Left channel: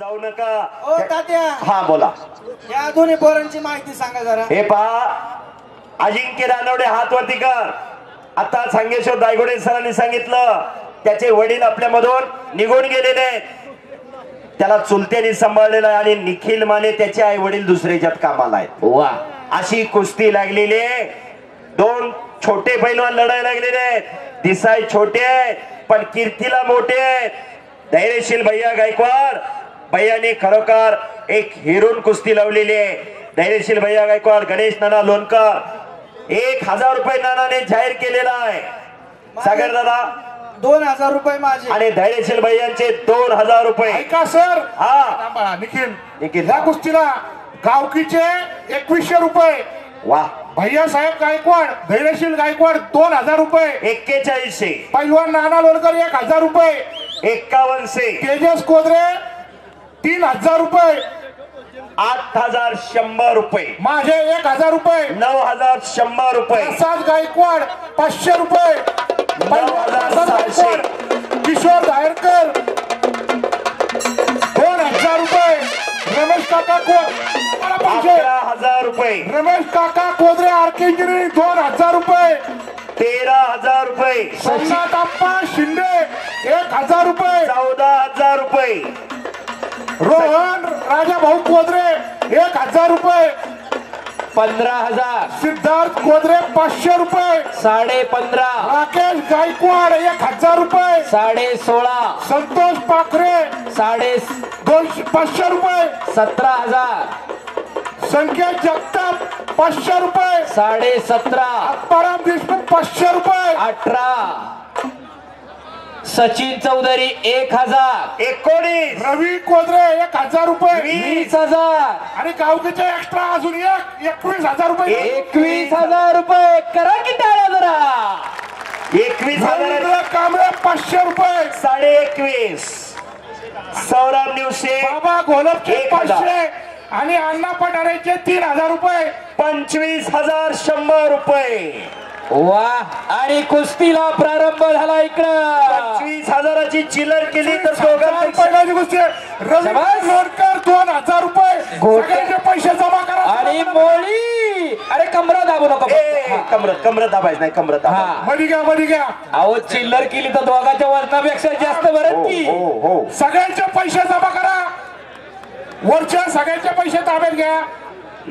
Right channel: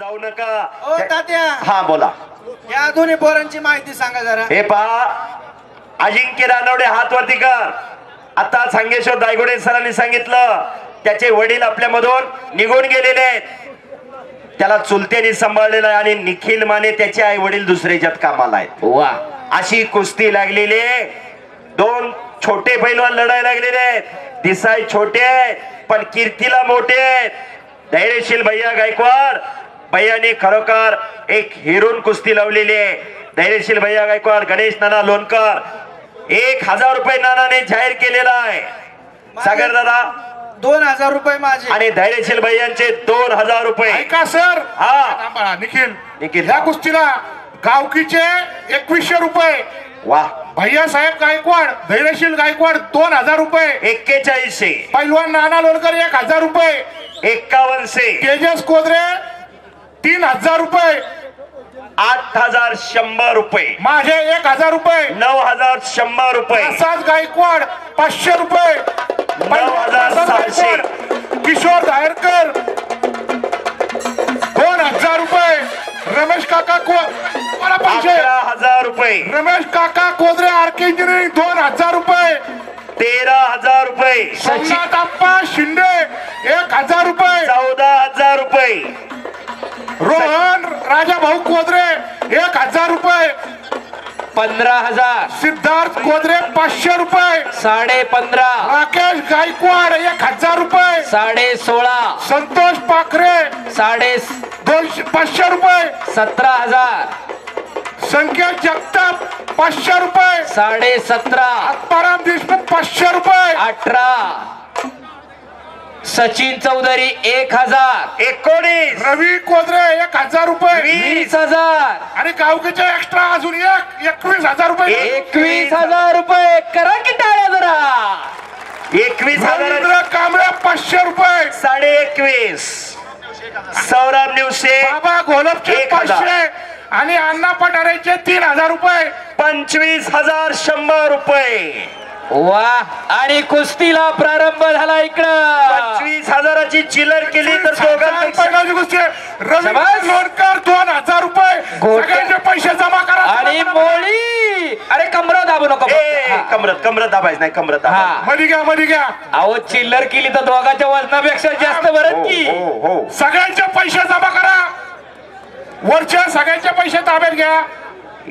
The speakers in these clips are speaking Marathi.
जाऊ नका. ओ तात्या, हा बोला. या दोन्ही पोरांची माहिती सांगा जरा. हे पहा, अजिंक्य रानवडे हात वरती कर. आता सांगेश्वर दायगोडे सरांनी सांगितलं त्याचे वडील आपल्यामधून निघून गेलेले आहेत, त्याला चुलत्याने सांभाळलेलं आहे आणि निखिल माने त्याचे आई वडील दुसऱ्याच्यात कामाला आहेत. वा, अशी कुस्ती लागलेली आहे. दोन छोटे पैलवान लढायला लागलेले आहेत. दिसाय छोटे पण कीर्तीला मोठे. धैर्यशील भैया गायकवाड भैयाने खरोखर एक हिरून कुस्ती लावलेली आहे. धैर्यशील भैया गायकवाड, गणेश नाना लोणकर 1000 रुपये नानाने जाहीर केलेला आहे. सागर दादा 2000 रुपये माझे आणि धैर्यशील भैयांचे 2000 रुपये. ऐका सर, हा निखिल या कुस्तीला गावकीचे 2100 रुपये. वा, भैया साहेब गायकवाड, धैर्यशील गायकवाड 2000 रुपये. 4100. पैलवान नाना लोणकर 1000 रुपये. 5100. तेजस कोदरे 3000 रुपये. 8100 रुपये. माझे 1000 रुपये. 9100 रुपये. प्रसाद गायकवाड 500 रुपये. 9700. किशोर दायरकर 2000 रुपये. रमेश काका 11000 रुपये. रमेश काका कोदरे आर्के इंजिनिअरिंग 2000 रुपये. 13000 रुपये. सोमनाथ अप्पा शिंदे 1000 रुपये. 14000 रुपये. रोहन राजा भाऊ कोदरे 1000 रुपये. 15000. सिद्धार्थ कोदरे 500 रुपये. 15.5. राकेश गायकवाड 1000 रुपये. 16.5. संतोष पाखरे 500 रुपये. 17,000. संकेत जगताप 500 रुपये. 17.5. आत्माराम देशमुख 500 रुपये. 18. सचिन चौधरी 1000. 19. रवी कोदरे 1000 रुपये. 20,000. आणि गावकीचे एक्स्ट्रा अजून 21,000 रुपये. 21,000 रुपये. करा की टाळ्या जरा. 21,000. रवींद्र कांबळे 500 रुपये. 21.5. सौरभ निवसे बाबा घोलपचे 1000. 500 आणि अण्णा पठारेचे 3000 रुपये. 25,100 रुपये. वा, आणि कुस्तीला प्रारंभ झाला. इकडं 25,000ची चिल्लर केली तर पहिल्याची गोष्ट रवी लोणकर 2000 रुपये. सगळ्यांचे पैसे जमा करा. आणि मोळी. अरे कमरा दाबू नको. कमरत दाबायच नाही. कमरत मध्ये घ्या. अहो, चिल्लर केली तर दोघांच्या वजनापेक्षा जास्त बरं की. हो. सगळ्यांचे पैसे जमा करा. वरच्या सगळ्यांचे पैसे ताब्यात घ्या.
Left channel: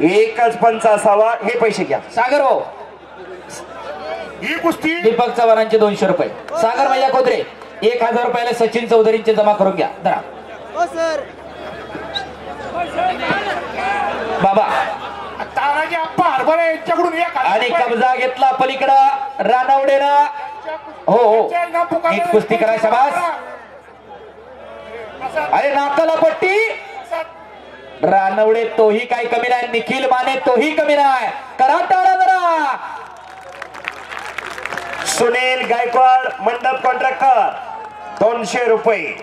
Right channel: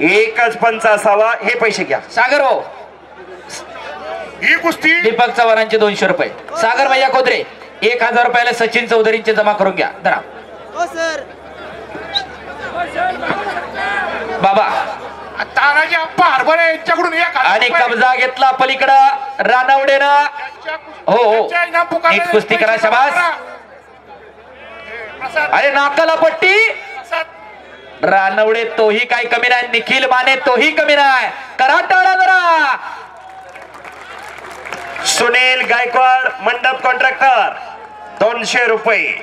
एकच पंच असावा. हे पैसे घ्या. सागर भाऊ, ही कुस्ती दीपक चव्हाणांचे 200 रुपये. सागर भैया कोदरे 1000 रुपयाला सचिन चौधरींचे जमा करून घ्या. धरा बाबा. तानाजी अप्पा हरभरे यांच्याकडून 1000 आणि कब्जा घेतला पलीकडं रानवडेनं. हो, एक कुस्ती करा. शाबास. अरे नाकाला पट्टी. रानवडे तोही काही कमी नाही. निखिल माने तोही कमी नाही. करा टाळा जरा. सुनील गायकवाड मंडप कॉन्ट्रॅक्टर 200 रुपये.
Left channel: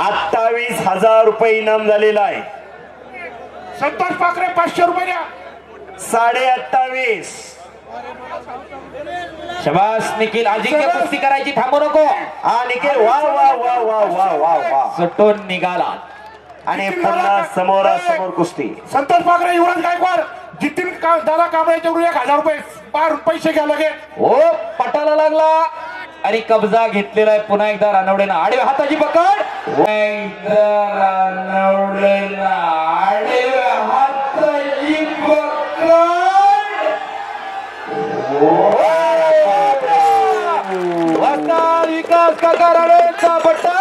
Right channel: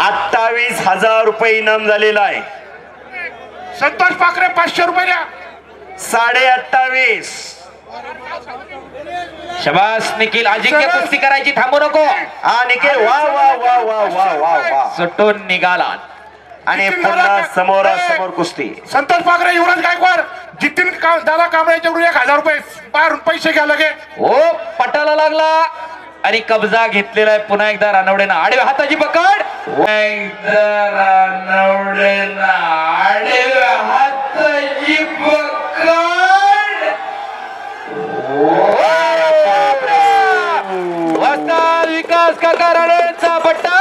28,000 रुपये इनाम झालेला आहे. संतोष पाखरे 500 रुपये द्या. 28.5. शबास निखिल. अजिंक्य कुस्ती करायची, थांबू नको. हा निखिल, वा वा वा वा वा वा वा. सुटून निघाला आणि पुन्हा समोरासमोर कुस्ती. संतोष पाखरे युवराज गायकवाड जितीन दादा कांबळेच्याकडून 1000 रुपये बाहेरून पैसे घ्या लगे. हो, पटाला लागला आणि कब्जा घेतलेला आहे पुन्हा एकदा रानवडेनं. आडव्या हाताची पकड. एकदा रानवडेनं आडव्या हाताची पकड. विकास काका रानवडेचा पट्टा.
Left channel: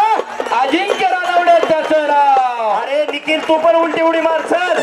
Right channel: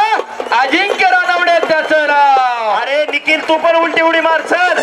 अजिंक्य रानवडे त्याचं नाव. अरे निखिल, तू पण उलटी उडी मार सर.